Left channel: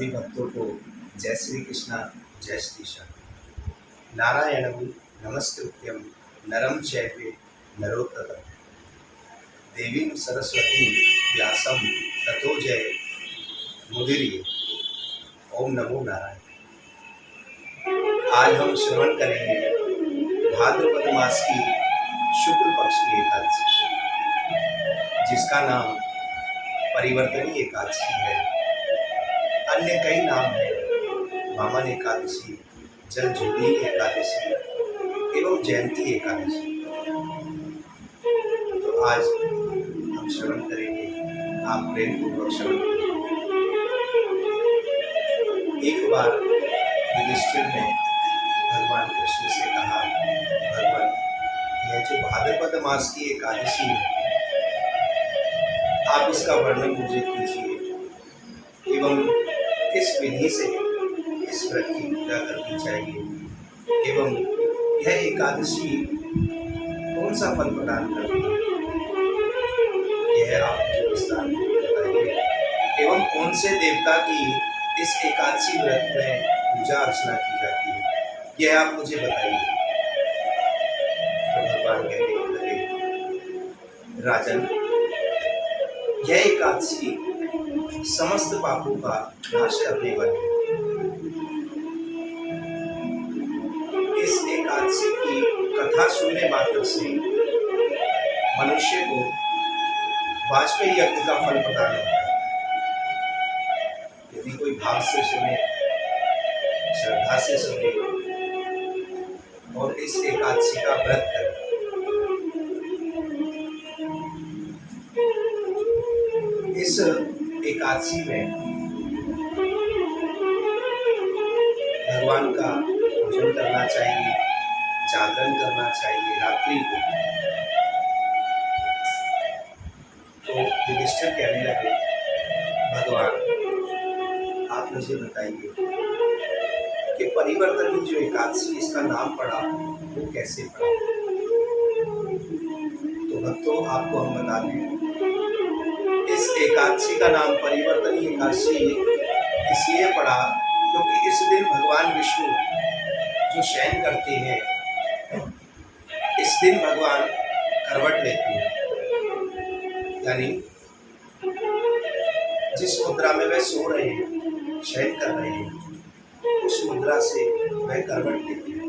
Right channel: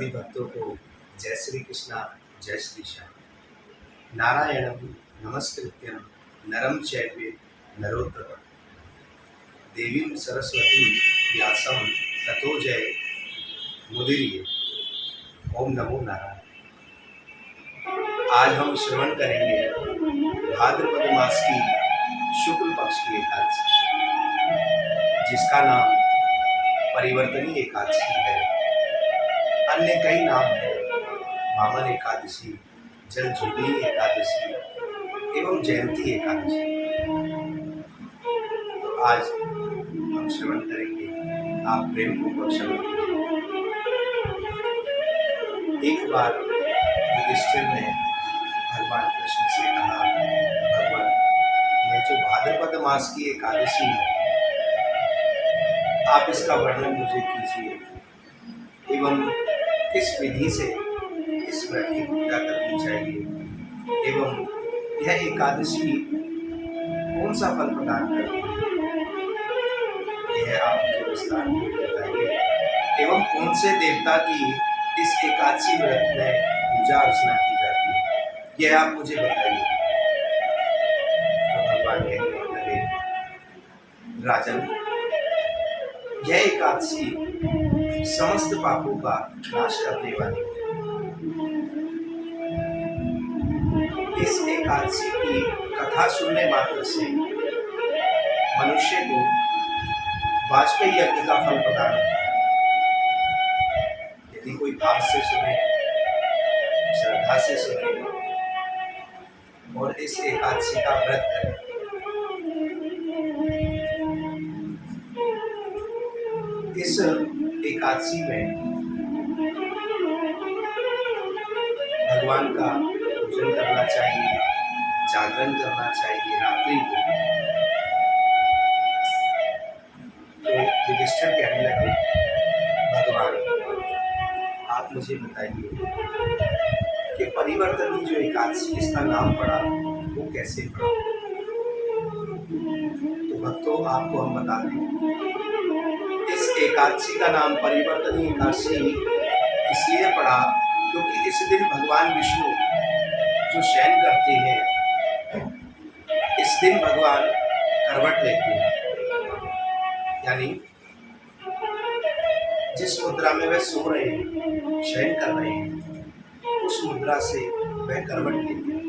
सभी भक्तों को जय श्री कृष्णा, जय श्री श्याम। नारायणं नमस्कृत्यं नरं चैव नरोत्तमं देवीं सरस्वतीं व्यासं ततो जय मुदीरये। ओम नमो नारायण। आज हम श्रवण करेंगे भाद्रपद मास की शुक्ल पक्ष की एकादशी, जिसका नाम परिवर्तनी एकादशी है। अन्य कई नाम हैं, वामन एकादशी, जल जुबली एकादशी एवं जयंती एकादशी। तो आज हम श्रवण करेंगे, आप प्रेम पूर्वक श्रवण करेंगे। एक बार युधिष्ठिर ने भगवान कृष्ण से कहा, भगवान, यह जो भाद्रपद मास की एकादशी है, आप इसका वर्णन मुझे कीजिए एवं किस विधि से इस व्रत की पूजा करनी चाहिए एवं यह एकादशी कौन सा फल प्रदान करती है, यह आप मुझे विस्तार में बताइए। एवं कौन से देवता की इस एकादशी व्रत में पूजा अर्चना की जाती है, यह आप मुझे बताइए। तो भगवान कहने लगे, राजन, यह एकादशी समस्त पापों का नाश करने वाली है। इस एकादशी की कथा सुनने मात्र से मनुष्य को वाजपेयी यज्ञ का फल प्रदान होता है। यदि कोई भाव से सुने, श्रद्धा से सुने और इस एकादशी का व्रत करे, इस एकादशी में भगवान का पूजन करना चाहिए, जागरण करना चाहिए रात्रि को। तो युधिष्ठिर कहने लगे, भगवान, आप मुझे बताइए कि परिवर्तनी जो एकादशी इसका नाम पड़ा वो कैसे पड़ा। तो भक्तों, आपको हम बता दें, इस एकादशी का नाम परिवर्तनी एकादशी इसलिए पड़ा क्योंकि इस दिन भगवान विष्णु जो शयन करते हैं, इस दिन भगवान करवट लेते हैं, यानी जिस मुद्रा में वह सो रहे हैं, शयन कर रहे हैं, उस मुद्रा से वह करवट लेते हैं।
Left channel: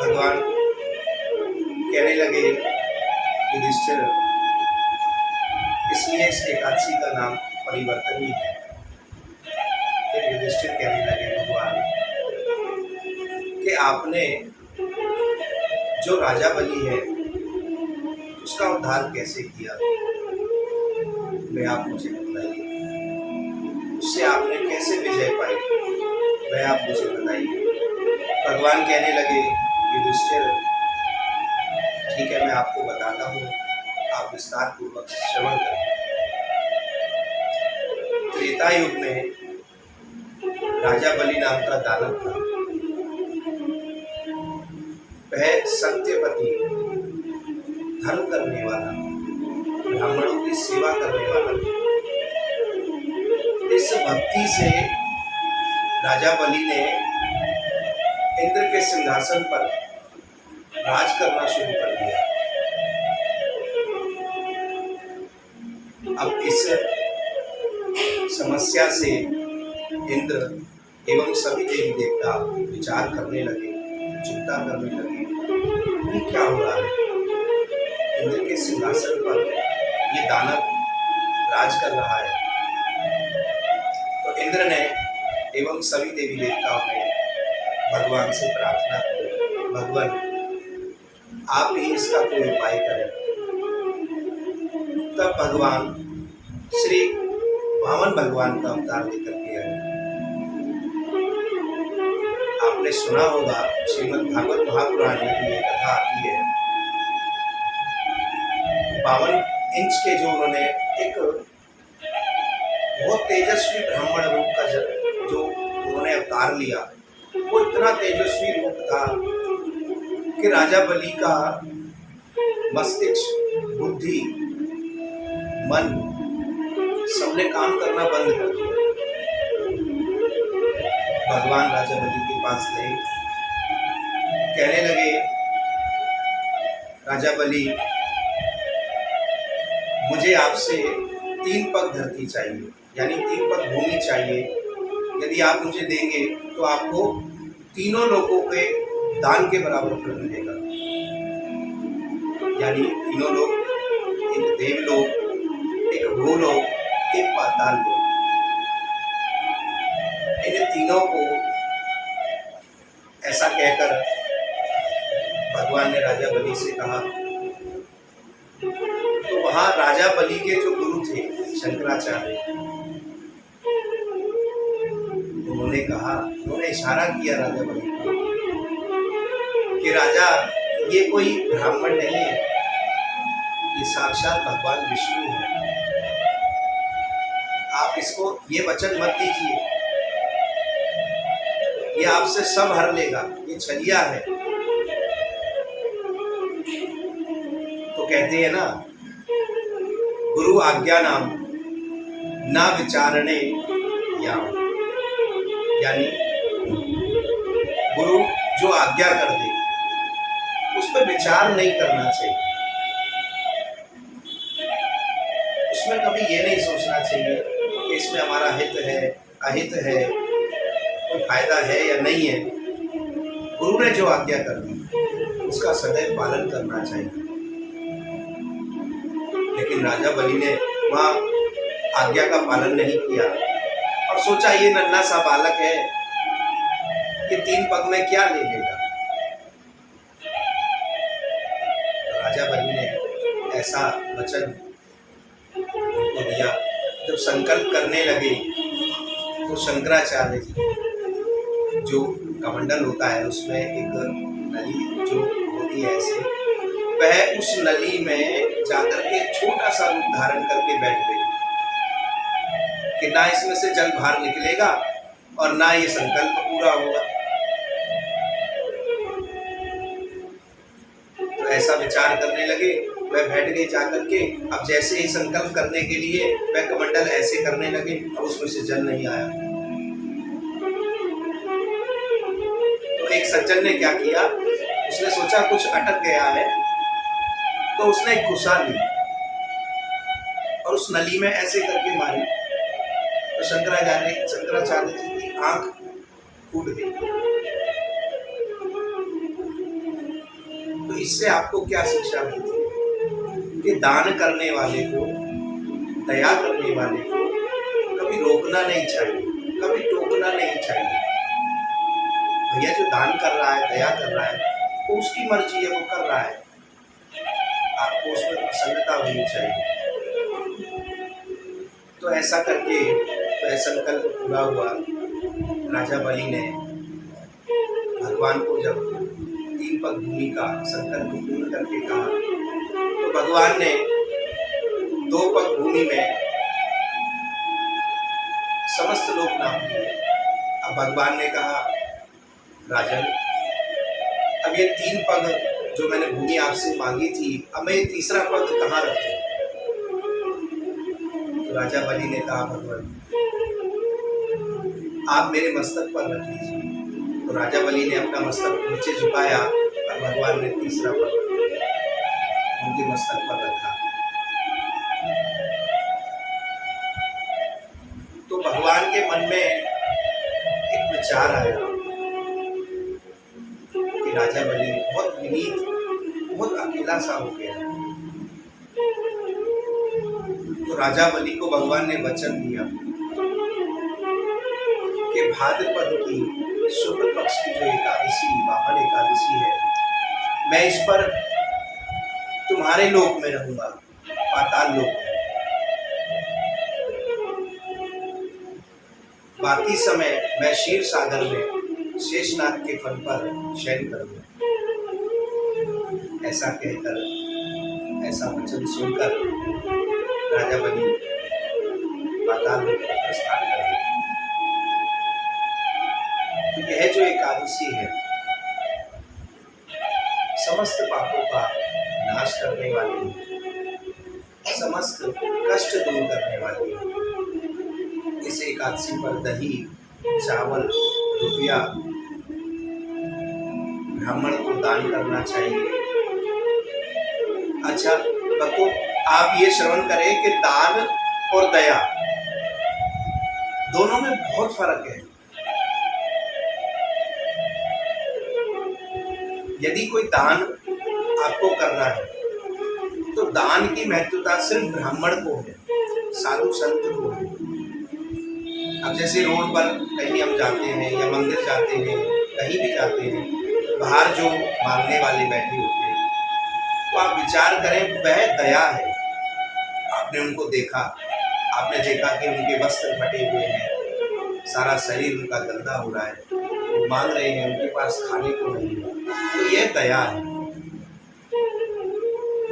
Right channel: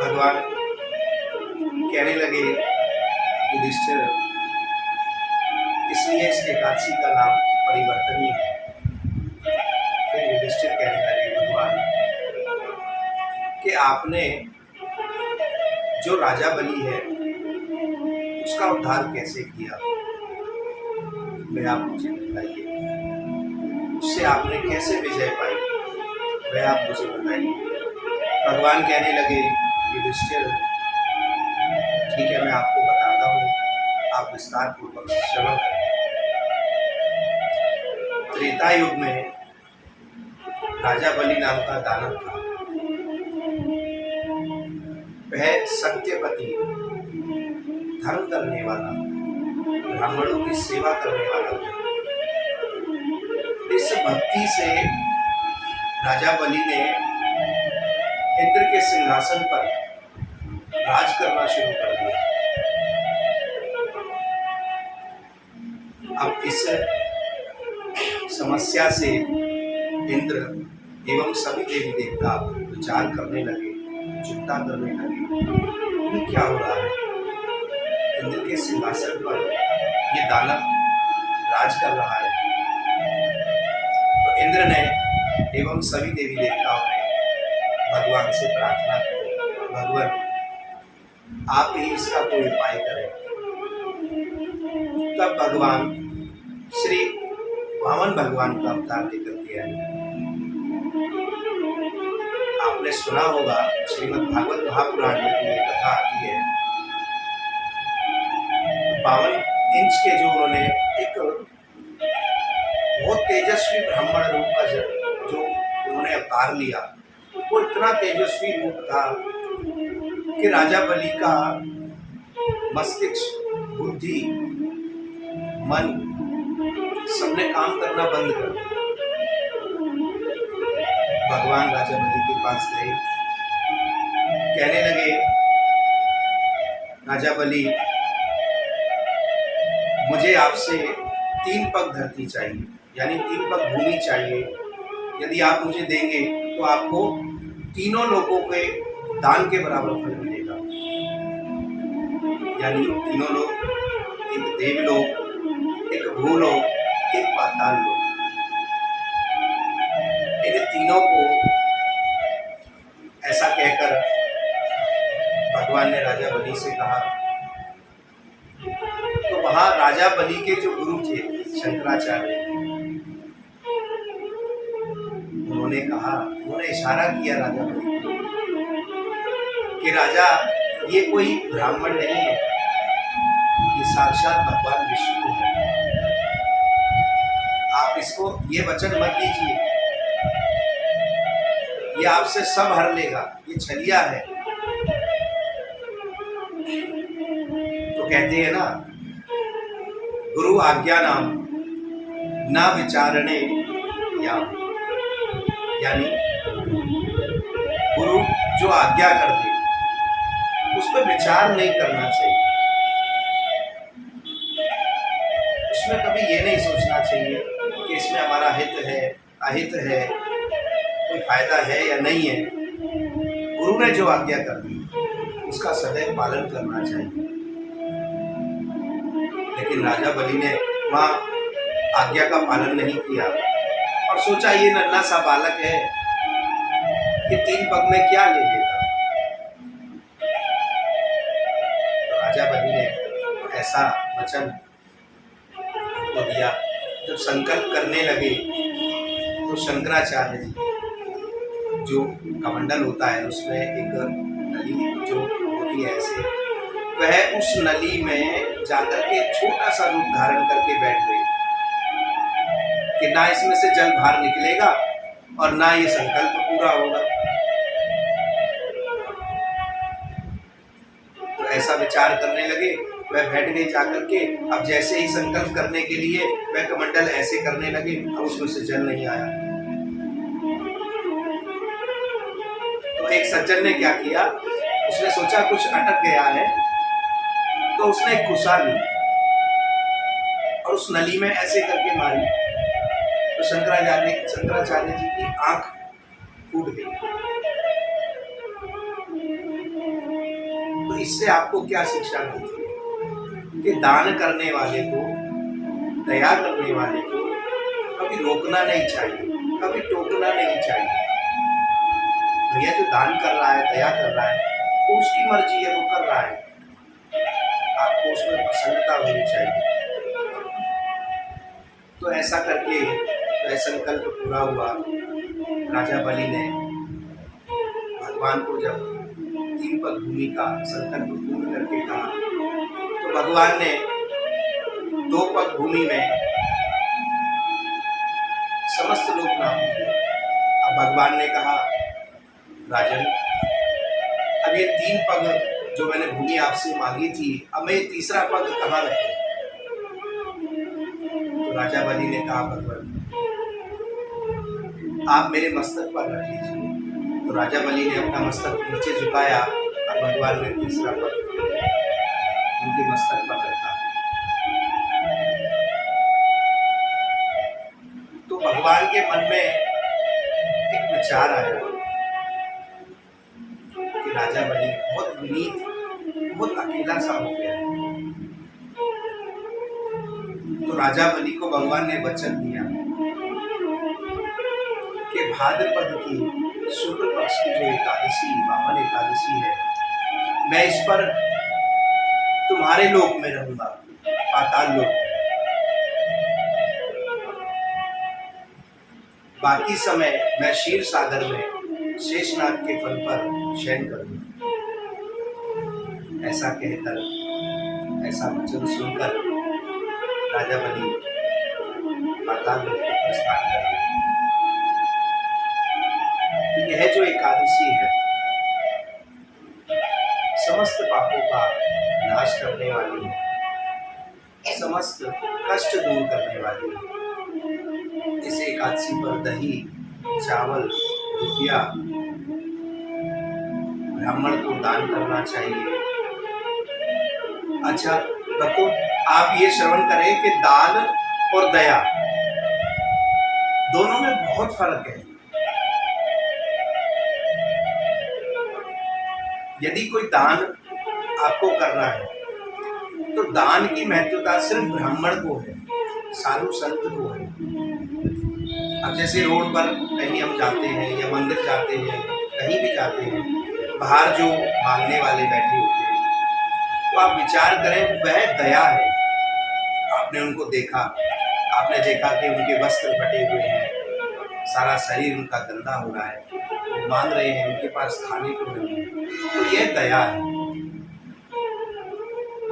भगवान कहने लगे, युधिष्ठिर, इसलिए इस एकादशी का नाम परिवर्तनी है। फिर युधिष्ठिर कहने लगे, भगवान, कि आपने जो राजा बलि है उसका उद्धार कैसे किया, वह आप मुझे बताइए। उससे आपने कैसे विजय पाई, वह आप मुझे बताइए। भगवान कहने लगे, युधिष्ठिर, ठीक है, मैं आपको बताता हूँ, आप विस्तार पूर्वक श्रवण करें। त्रेता युग में राजा बलि नाम का दानव था। वह सत्यपति, धर्म करने वाला, ब्राह्मणों की सेवा करने वाला था। इस भक्ति से राजा बलि ने इंद्र के सिंहासन पर राज करना शुरू कर दिया। अब इस समस्या से इंद्र एवं सभी देवी देवता विचार करने लगे, चिंता करने लगे, ये क्या हो रहा है। इंद्र के सिंहासन पर ये दानव राज कर रहा है। तो इंद्र ने एवं सभी देवी देवताओं ने भगवान से प्रार्थना की, भगवान, आप ही इसका कोई उपाय करें। तब भगवान श्री वामन भगवान का अवतार लेकर के आए। आपने सुना होगा, श्रीमद् भागवत महापुराण में भी ये कथा आती है। 52 इंच के जो उन्होंने एक बहुत तेजस्वी ब्राह्मण रूप का जो उन्होंने अवतार लिया, वो इतना तेजस्वी रूप था कि राजा बलि का मस्तिष्क, बुद्धि, मन सबने काम करना बंद कर दिया। भगवान राजा बलि के पास गए, कहने लगे, राजा बलि, मुझे आपसे 3 पग धरती चाहिए, यानी 3 पग भूमि चाहिए। यदि आप मुझे देंगे तो आपको तीनों लोगों के दान के बराबर फल मिलेगा। यानी तीनों लोग, एक देवलोक, एक भूलोक, एक पाताल लोक, इन तीनों को ऐसा कहकर भगवान ने राजा बलि से कहा। तो वहां राजा बलि के जो गुरु थे शंकराचार्य, उन्होंने इशारा किया राजा बलि को कि राजा, ये कोई ब्राह्मण नहीं है, ये साक्षात भगवान विष्णु है। आप इसको ये वचन मत दीजिए, ये आपसे सब हर लेगा, ये छलिया है। तो कहते हैं ना, गुरु आज्ञा नाम ना विचारणे याम, यानी गुरु जो आज्ञा कर दे उस पर विचार नहीं करना चाहिए। उसमें कभी ये नहीं सोचना चाहिए कि इसमें हमारा हित है, अहित है, कोई फायदा है या नहीं है। गुरु ने जो आज्ञा कर दी उसका सदैव पालन करना चाहिए। लेकिन राजा बलि ने वहां आज्ञा का पालन नहीं किया और सोचा ये नन्हा सा बालक है, ये 3 पग में क्या ले लेगा। तो राजा बलि ने ऐसा वचन उनको दिया। जब संकल्प करने लगे तो शंकराचार्य जी, जो कमंडल होता है उसमें एक नली जो होती है ऐसे, वह उस नली में जाकर के छोटा सा रूप धारण करके बैठ गए कि ना इसमें से जल बाहर निकलेगा और ना ये संकल्प पूरा होगा। तो ऐसा विचार करने लगे, वह बैठ गई जाकर के। अब जैसे ही संकल्प करने के लिए वह कमंडल ऐसे करने लगे, अब उसमें से जल नहीं आया। तो एक सज्जन ने क्या किया, उसने सोचा कुछ अटक गया है, तो उसने एक कुसा ली और उस नली में ऐसे करके मारी। तो शंकराचार्य जी की आंख फूट गई। तो इससे आपको क्या शिक्षा मिलती है कि दान करने वाले को, दया करने वाले को कभी रोकना नहीं चाहिए, कभी टोकना नहीं चाहिए। भैया जो दान कर रहा है, दया कर रहा है, वो उसकी मर्जी है, वो कर रहा है, आपको उसमें प्रसन्नता होनी चाहिए। तो ऐसा करके वह संकल्प पूरा हुआ। राजा बलि ने भगवान को जब 3 पग भूमि का संकल्प पूर्ण करके कहा, तो भगवान ने 2 पग भूमि में समस्त लोग नाम लिए। अब भगवान ने कहा, राजन, अब ये 3 पग जो मैंने भूमि आपसे मांगी थी, अब मैं ये तीसरा पग कहाँ रखूं? तो राजा बलि ने कहा, भगवान आप मेरे मस्तक पर रख लीजिए। तो राजा बलि ने अपना मस्तक नीचे झुकाया और भगवान ने तीसरा पग उनके मस्तक पर रखा। तो भगवान के मन में एक विचार आया कि राजा बलि बहुत विनीत, बहुत अकेला सा हो गया। तो राजा बलि को भगवान ने वचन दिया कि भाद्रपद की शुक्ल पक्ष की जो एकादशी, वामन एकादशी है, मैं इस पर तुम्हारे लोक में रहूंगा, पाताल लोक में। बाकी समय मैं क्षीर सागर में शेषनाग के फल पर शयन करूंगा। ऐसा कहकर, ऐसा वचन सुनकर राजा बलि पाताल लोक को प्रस्थान कर गए। तो यह जो एकादशी है, समस्त पापों का नाश करने वाली है, समस्त कष्ट दूर करने वाली है। इस एकादशी पर दही, चावल, रुपया ब्राह्मण को दान करना चाहिए। अच्छा, तो आप ये श्रवण करें कि दान और दया दोनों में बहुत फर्क है। यदि कोई दान आपको करना है तो दान की महत्वता सिर्फ ब्राह्मण को है, साधु संत को है। अब जैसे रोड पर कहीं हम जाते हैं या मंदिर जाते हैं, कहीं भी जाते हैं, बाहर जो मांगने वाले बैठे होते हैं, तो आप विचार करें वह दया है। आपने उनको देखा, आपने देखा कि उनके वस्त्र फटे हुए हैं, सारा शरीर उनका गंदा हो रहा है, वो मांग रहे हैं, उनके पास खाने को नहीं है, तो यह दया है।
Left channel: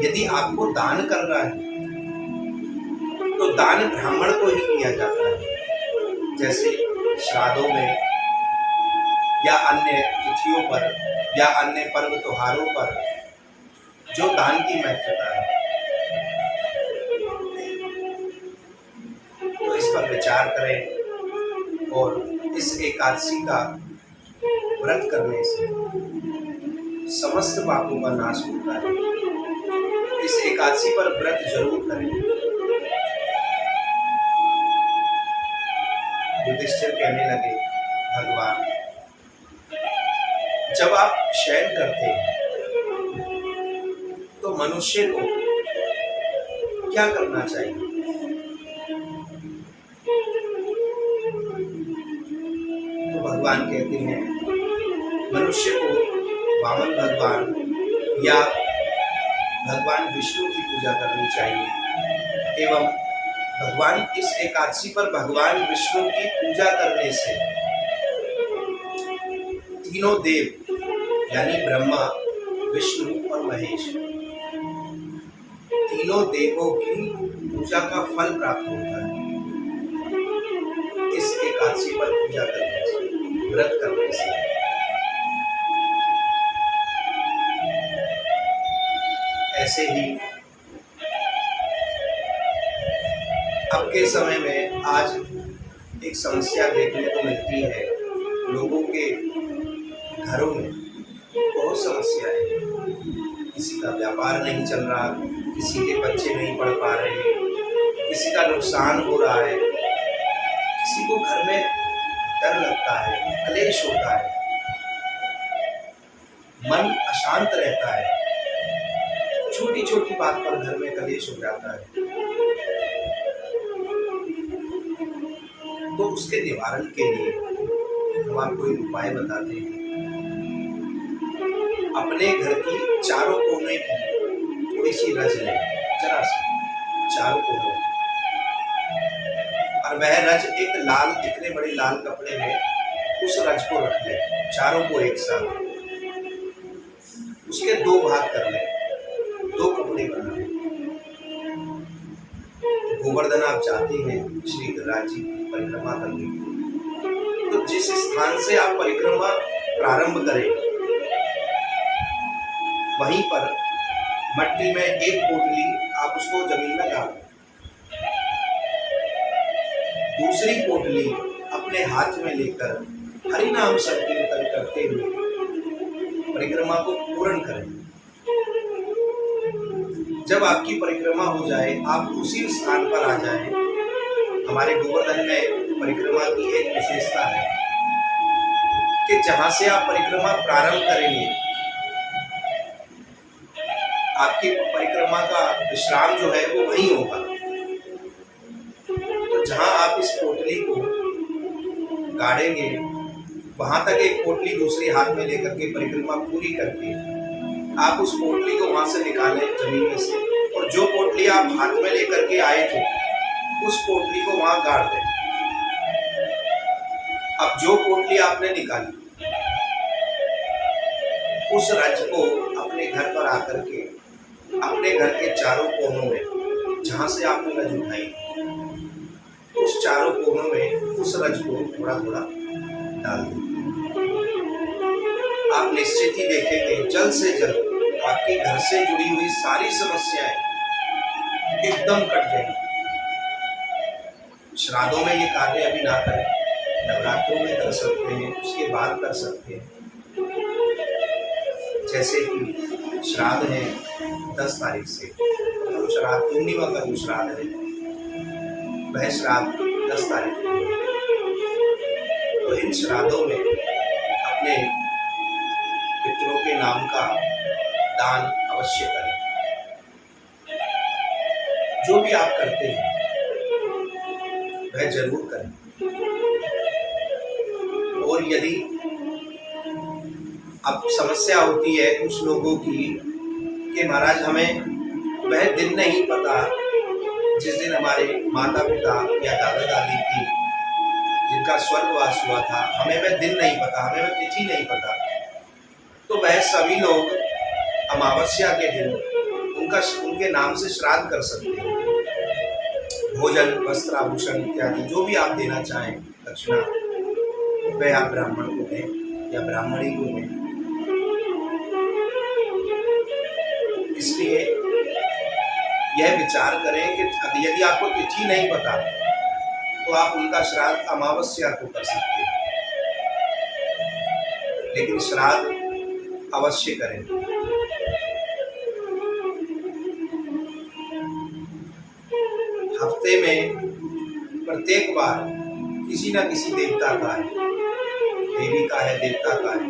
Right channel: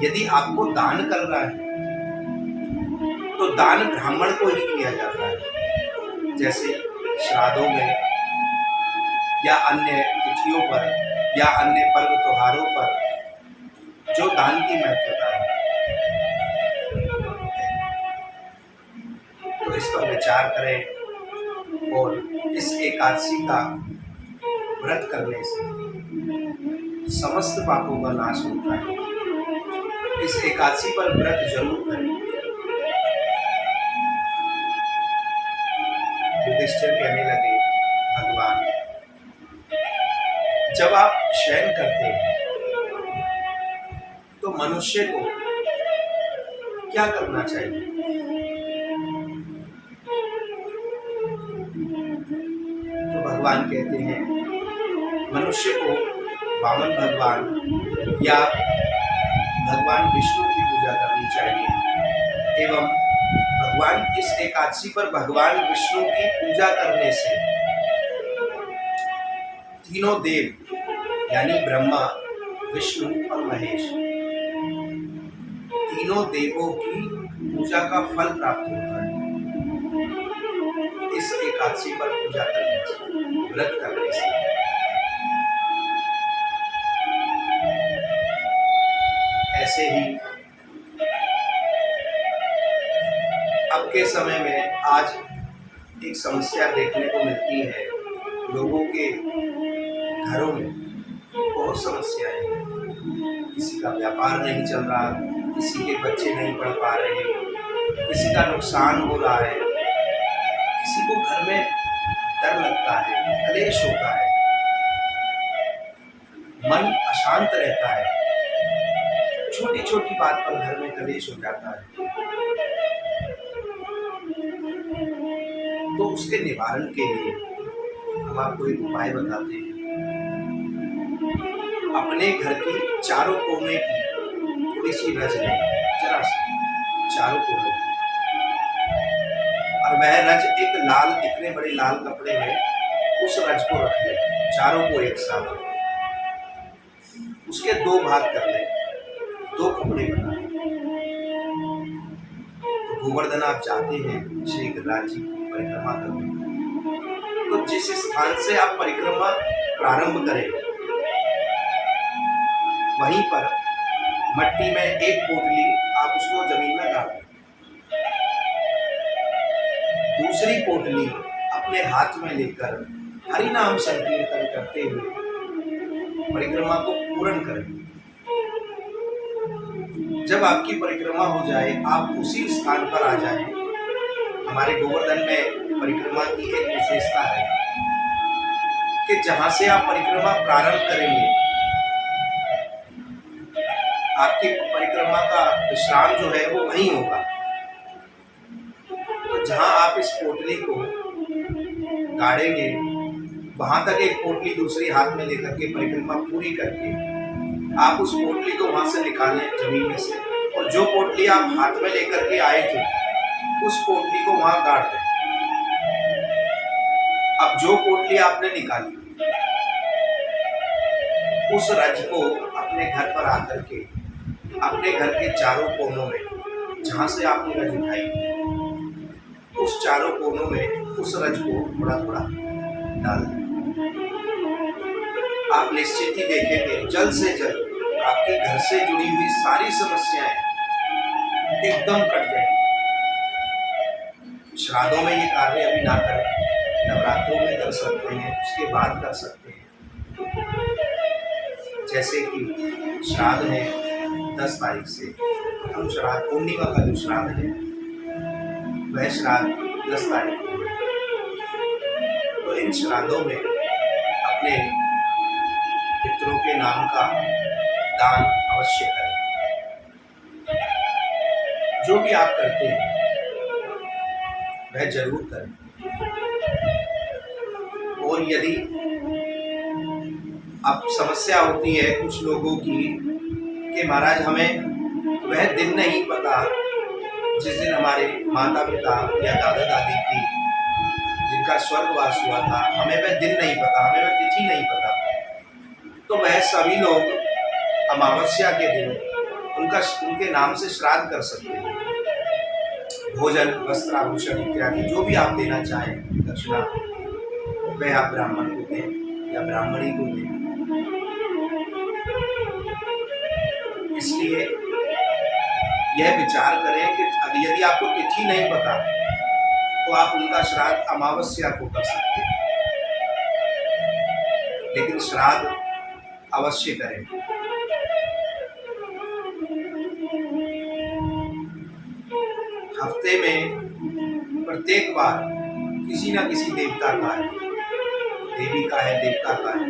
यदि आपको दान करना है तो दान ब्राह्मण को ही किया जाता है। जैसे श्राद्धों में या अन्य तिथियों पर या अन्य पर्व त्योहारों पर जो दान की महत्वता है, तो इस पर विचार करें और इस एकादशी का व्रत करने से समस्त पापों का नाश होता है। इस एकादशी पर व्रत जरूर करें। युधिष्ठिर कहने लगे, भगवान, जब आप शयन करते हैं तो मनुष्य को क्या करना चाहिए? तो भगवान कहते हैं, मनुष्य को वामन भगवान या भगवान विष्णु की पूजा करनी चाहिए। एवं भगवान इस एकादशी पर भगवान विष्णु की पूजा करने से तीनों देव यानी ब्रह्मा, विष्णु और महेश, तीनों देवों की पूजा का फल प्राप्त होता है। इस एकादशी पर पूजा करने से, व्रत करने से। ऐसे ही अब के समय में आज एक समस्या देखने को मिलती है। लोगों के घरों में बहुत समस्याएं हैं। किसी का व्यापार नहीं चल रहा, किसी के बच्चे नहीं पढ़ पा रहे, किसी का नुकसान हो रहा है, किसी को घर में डर लगता है, क्लेश होता है, मन अशांत रहता है, छोटी छोटी बात पर घर में कलेश हो जाता है। तो उसके निवारण के लिए हम आपको एक उपाय बताते हैं। अपने घर की चारों कोने की थोड़ी सी रज लें, जरा सी, चारों कोनों की, और वह रज एक लाल, इतने बड़े लाल कपड़े में उस रज को रख लें, चारों को एक साथ। उसके दो भाग कर लें, दो कपड़े बना लें। गोवर्धन आप जाते हैं श्री गिरिराज जी की परिक्रमा करने, तो जिस स्थान से आप परिक्रमा प्रारंभ करें, वहीं पर मट्टी में एक पोटली आप उसको जमीन में गाड़ दें। दूसरी पोटली अपने हाथ में लेकर हरि नाम संकीर्तन करते हुए परिक्रमा को पूर्ण करें। जब आपकी परिक्रमा हो जाए, आप उसी स्थान पर आ जाएं। हमारे गोवर्धन में परिक्रमा की एक विशेषता है कि जहां से आप परिक्रमा प्रारंभ करेंगे, आपकी परिक्रमा का विश्राम जो है वो वहीं होगा। तो जहां आप इस पोटली को गाड़ेंगे, वहां तक एक पोटली दूसरी हाथ में लेकर के परिक्रमा पूरी करके आप उस पोटली को वहां से निकालें जमीन में से, और जो पोटली आप हाथ में लेकर के आए थे उस पोटली को वहां गाड़ दें। अब जो पोटली आपने निकाली, उस रज को अपने घर पर आकर के अपने घर के चारों कोनों में, जहां से आपने रज उठाई, उस चारों कोनों में उस रज को थोड़ा थोड़ा डाल दें। आप निश्चित ही देखेंगे जल्द से जल्द आपके घर से जुड़ी हुई सारी समस्याएं एकदम कट जाएंगी। श्राद्धों में ये कार्य अभी ना करें, नवरात्रों में कर सकते हैं, उसके बाद कर सकते हैं। जैसे कि श्राद्ध है 10 तारीख से, प्रथम श्राद्ध पूर्णिमा का जो श्राद्ध है वह श्राद्ध 10 तारीख को है। तो इन श्राद्धों में अपने पितरों के नाम का दान अवश्य करें। जो भी आप करते हैं वह जरूर करें। और यदि अब समस्या होती है कुछ लोगों की कि महाराज हमें वह दिन नहीं पता जिस दिन हमारे माता पिता या दादा दादी की जिनका स्वर्गवास हुआ था, हमें वह दिन नहीं पता, हमें वह तिथि नहीं पता। तो वह सभी लोग अमावस्या के दिन उनके नाम से श्राद्ध कर सकते हैं। भोजन, वस्त्र, आभूषण इत्यादि जो भी आप देना चाहें दक्षिणा, वह आप ब्राह्मण को दें या ब्राह्मणी को दें। इसलिए यह विचार करें कि यदि आपको तिथि नहीं पता तो आप उनका श्राद्ध अमावस्या को कर सकते हैं, लेकिन श्राद्ध अवश्य करें। हफ्ते में प्रत्येक बार किसी न किसी देवता का है, देवी का है, देवता का है,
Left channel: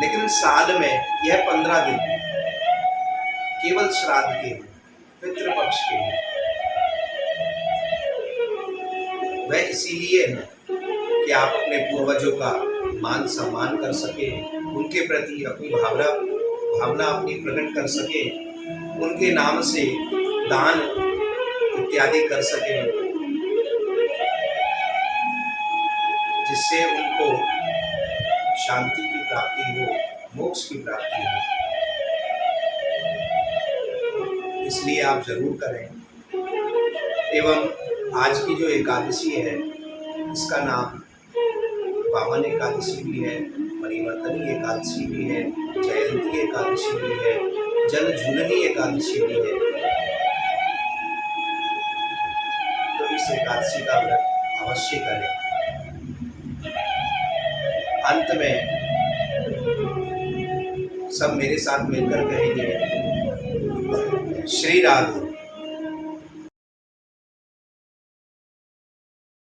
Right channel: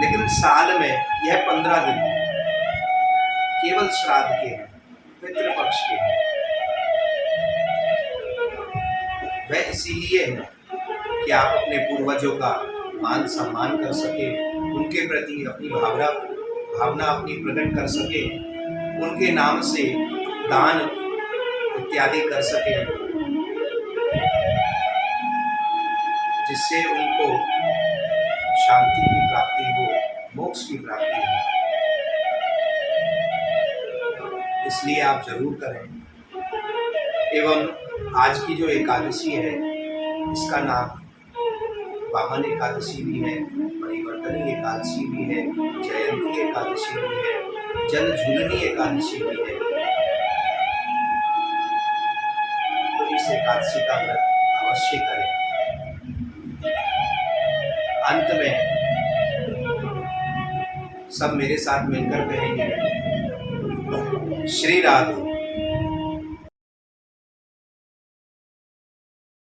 लेकिन साल में यह 15 दिन केवल श्राद्ध के हैं, पितृपक्ष के हैं। वह इसीलिए है कि आप अपने पूर्वजों का मान सम्मान कर सके, उनके प्रति अपनी भावना अपनी प्रकट कर सके, उनके नाम से दान इत्यादि कर सके, जिससे उनको शांति की प्राप्ति हो, मोक्ष की प्राप्ति हो। इसलिए आप जरूर करें। एवं आज की जो एकादशी है इसका नाम वामन एकादशी भी है, परिवर्तनी एकादशी भी है, जयंती एकादशी भी है, जल झूलनी एकादशी भी है। तो इस एकादशी का व्रत अवश्य करें। अंत में सब मेरे साथ मिलकर कहेंगे, श्री राधे।